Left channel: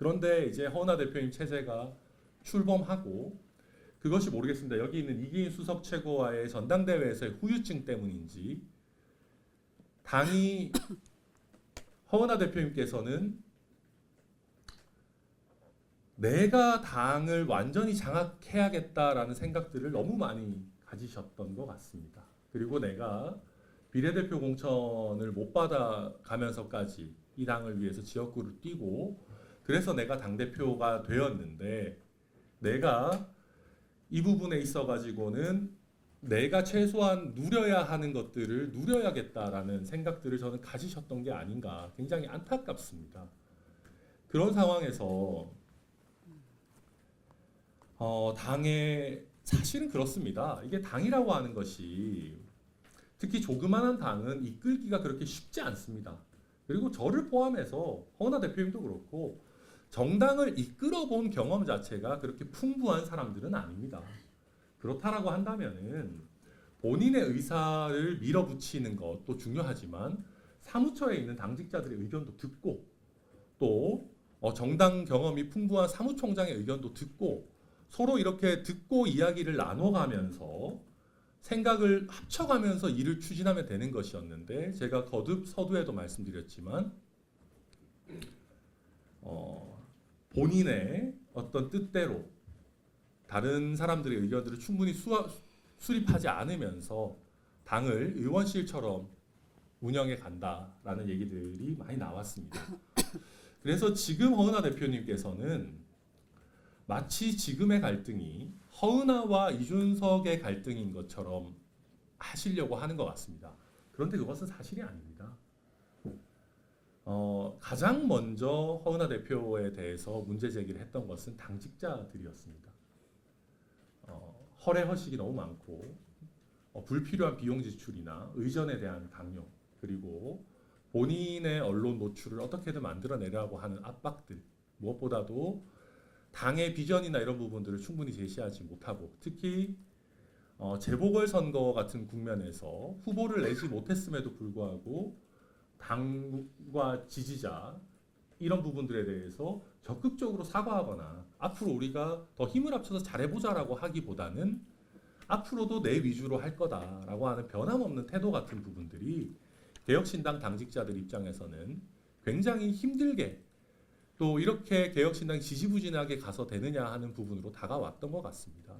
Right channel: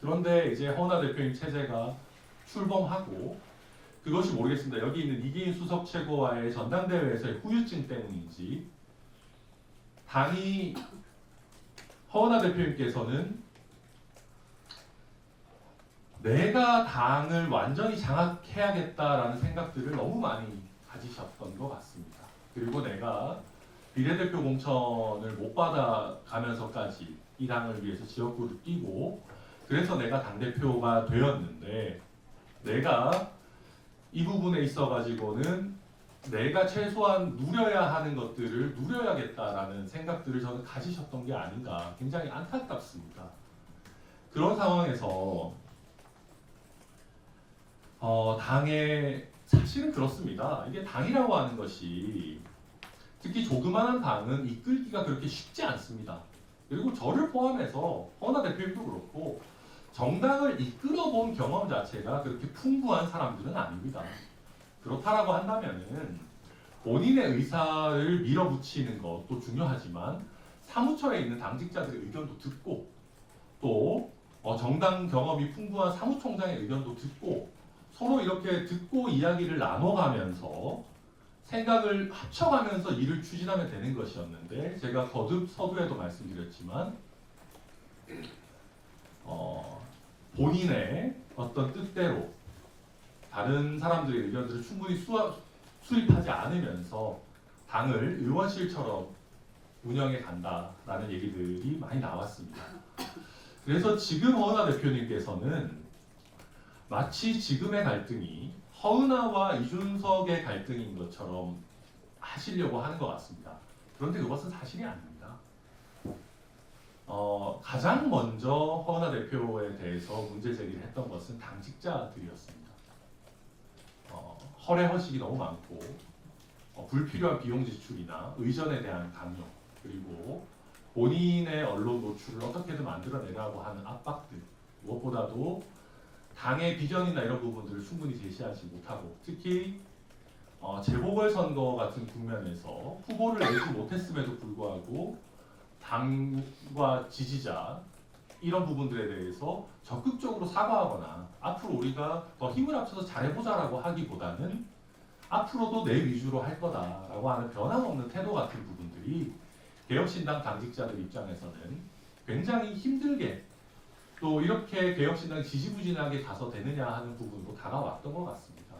그런데 이제 허은하 대표님 체제가 출범하고 그것이 모르겠습니다. 여기 있는 이기인 수석 최고와의 전당대회에서의 후유증 때문인지 당이 허은하 대표님께서는 내가 당을 완전히 장악해야겠다라는 생각들을 너무 많이 가지셨던 것 같습니다. 그리고 내가 비례대표 공천을 못 받아가면서까지 이 당을 위해서 지역구를 뛰고 그래서 내가 당대표가 되었는데 내가 이 부분에 있어 가지고는 내가 최소한 누려야 하는 것들을 누려야겠다라는 생각들을 저는 가지셨던 게 아닌가 굉장히 안타깝습니다. 그런 상황에서 당의 사실은 그렇습니다. 이게 당이라고 하는 것이 특히 조그마한 당은 이끌기가 그렇게 쉽지 않습니다. 그리고 저를 포함해서 허은하 대표님도 그렇고 정당을 이끌어본 경험 자체가 그렇게 풍부한 사람들은 아닙니다. 그렇다라고 한다면은 본인의 의사를 밀어붙이는 것도 중요하지만 사무처에 있는 당직자들의 의견도 듣고 또 정당 경험이 풍부한 사무총장의 의견도 듣고 서로 이렇게 듣고 이야기를 나눠가면서 생각을 합쳐가면서 일을 추진하면 되는 것이었는데 제가 거듭 서두에도 말씀드렸지만 본인의 어떤 뜻대로 다른 사람들의 의견들을 충분히 수립하지 않으면서 당을 의원실처럼 운영해 간다라는 얘기들이 많이 나왔습니다. 그래서 지금 허은하 대표님께서는 마치 지금의 갈등이 허은하와 이준석의 갈등인 것처럼 하시려고 하는 것 같습니다. 그런데 그것은 사실이 아닙니다. 가장 먼저 허은하 대표에 대해서 문제 제기를 했던 것은 당직자들이었습니다. 허례 허식이 너무 많고 불필요한 비용 지출이나 의전에 대한 강요 그리고 본인의 언론 노출을 어떻게든 만들어내려고 하는 압박들 무엇보다도 당의 비전이나 이런 부분들을 충분히 제시하지 못하고 특히 재보궐선거 같은 국면에서 후보를 내지 못했음에도 불구하고 당과 지지자 이런 부분들에 대해서 적극적으로 사과하거나 앞으로 우리가 더 힘을 합쳐서 잘해보자라고 하기보다는 앞으로도 내 위주로 할 거다라고 하는 변함없는 태도 같은 부분들이 개혁신당 당직자들 입장에서는 굉장히 힘들게 또 이렇게 개혁신당이 지지부진하게 가서 되느냐 하는 부분으로 다가왔던 것 같습니다.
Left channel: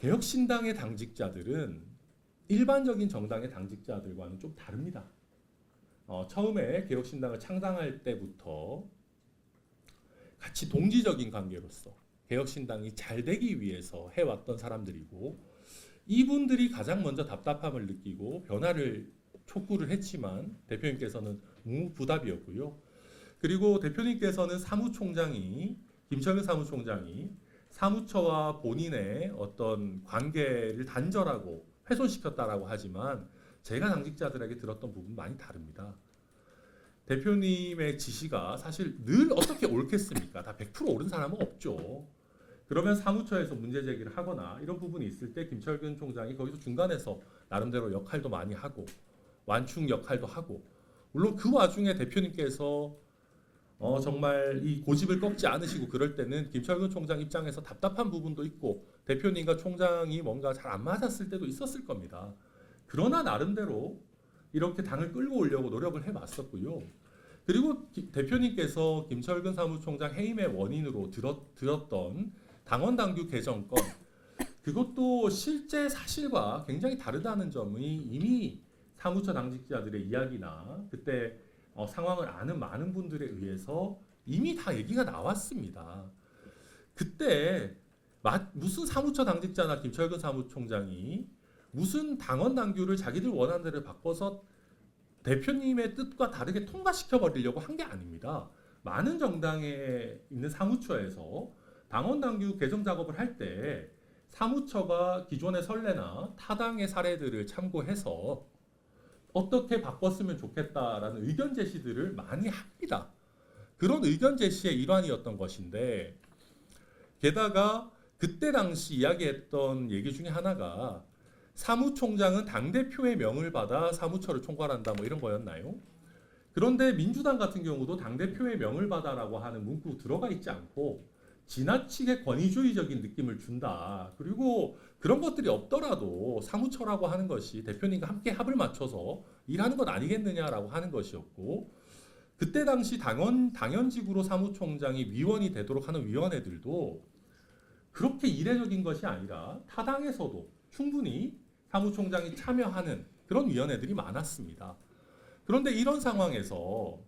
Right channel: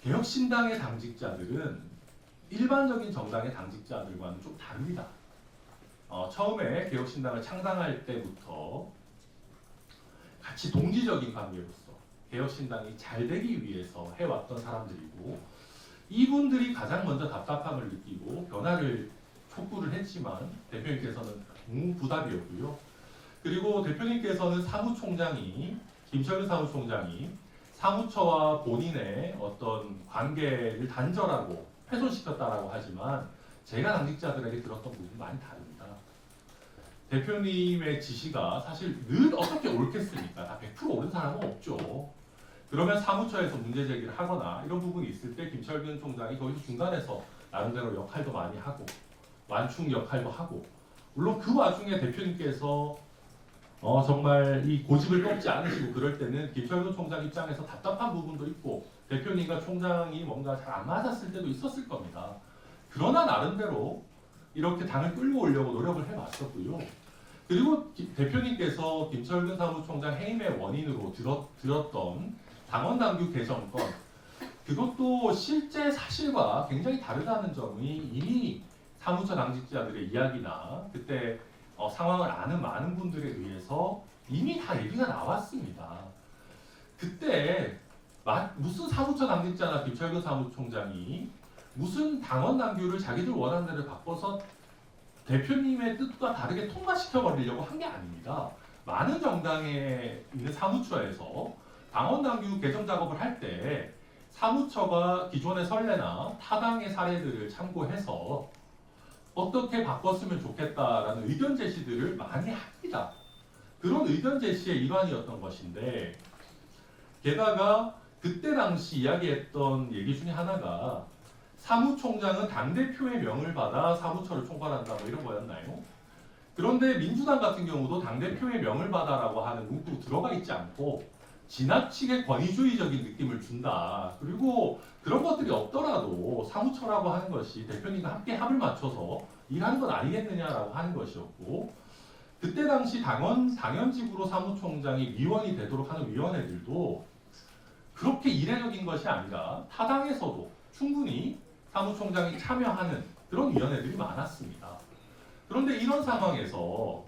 개혁신당의 당직자들은 일반적인 정당의 당직자들과는 좀 다릅니다. 처음에 개혁신당을 창당할 때부터 같이 동지적인 관계로서 개혁신당이 잘 되기 위해서 해왔던 사람들이고 이분들이 가장 먼저 답답함을 느끼고 변화를 촉구를 했지만 대표님께서는 무부답이었고요. 그리고 대표님께서는 김철근 사무총장이 사무처와 본인의 어떤 관계를 단절하고 훼손시켰다라고 하지만 제가 당직자들에게 들었던 부분이 많이 다릅니다. 대표님의 지시가 사실 늘 어떻게 옳겠습니까? 다 100% 옳은 사람은 없죠. 그러면 사무처에서 문제 제기를 하거나 이런 부분이 있을 때 김철근 총장이 거기서 중간에서 나름대로 역할도 많이 하고 완충 역할도 하고 물론 그 와중에 대표님께서 정말 이 고집을 꺾지 않으시고 그럴 때는 김철근 총장 입장에서 답답한 부분도 있고 대표님과 총장이 뭔가 잘 안 맞았을 때도 있었을 겁니다. 그러나 나름대로 이렇게 당을 끌고 오려고 노력을 해왔었고요. 그리고 대표님께서 김철근 사무총장 해임의 원인으로 들었던 당원당규 개정권 그것도 실제 사실과 굉장히 다르다는 점이 이미 사무처 당직자들의 이야기나 그때 상황을 아는 많은 분들에 의해서 이미 다 얘기가 나왔습니다. 그때 무슨 사무처 당직자나 김철근 사무총장이 무슨 당원 당규를 자기들 원하는 대로 바꿔서 대표님의 뜻과 다르게 통과시켜 버리려고 한 게 아닙니다. 많은 정당에 있는 사무처에서 당원 당규 개정 작업을 할 때 사무처가 기존의 선례나 타당의 사례들을 참고해서 어떻게 바꿨으면 좋겠다라는 의견 제시들을 많이 합니다. 그런 의견 제시의 일환이었던 것인데 게다가 그때 당시 이야기했던 얘기 중에 하나가 사무총장은 당대표의 명을 받아 사무처를 총괄한다 뭐 이런 거였나요? 그런데 민주당 같은 경우도 당대표의 명을 받아라고 하는 문구 들어가 있지 않고 지나치게 권위주의적인 느낌을 준다. 그리고 그런 것들이 없더라도 사무처라고 하는 것이 대표님과 함께 합을 맞춰서 일하는 것 아니겠느냐라고 하는 것이었고, 그때 당시 당연직으로 사무총장이 위원이 되도록 하는 위원회들도 그렇게 이례적인 것이 아니라 타당에서도 충분히 사무총장이 참여하는 그런 위원회들이 많았습니다. 그런데 이런 상황에서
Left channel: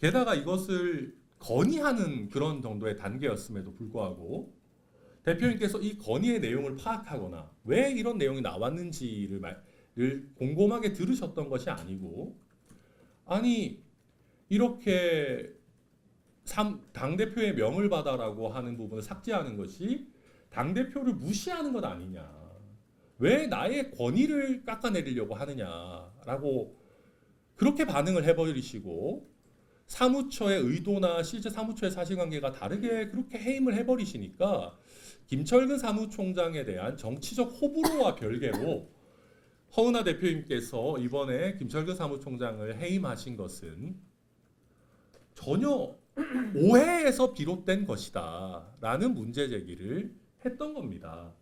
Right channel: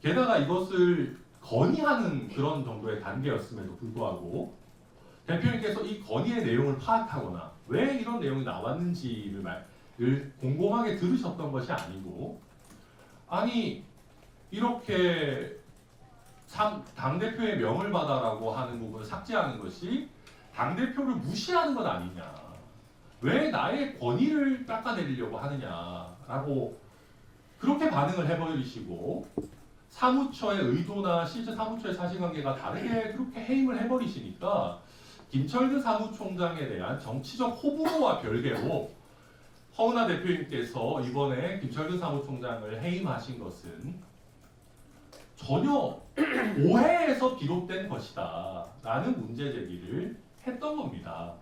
게다가 이것을 건의하는 그런 정도의 단계였음에도 불구하고 대표님께서 이 건의의 내용을 파악하거나 왜 이런 내용이 나왔는지를 곰곰하게 들으셨던 것이 아니고, 아니 이렇게 당대표의 명을 받아라고 하는 부분을 삭제하는 것이 당대표를 무시하는 것 아니냐, 왜 나의 권위를 깎아내리려고 하느냐라고 그렇게 반응을 해버리시고, 사무처의 의도나 실제 사무처의 사실관계가 다르게 그렇게 해임을 해버리시니까 김철근 사무총장에 대한 정치적 호불호와 별개로 허은하 대표님께서 이번에 김철근 사무총장을 해임하신 것은 전혀 오해에서 비롯된 것이다 라는 문제 제기를 했던 겁니다.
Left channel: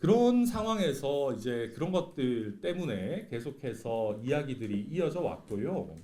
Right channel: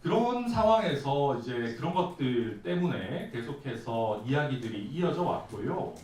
그런 상황에서 이제 그런 것들 때문에 계속해서 이야기들이 이어져 왔고요.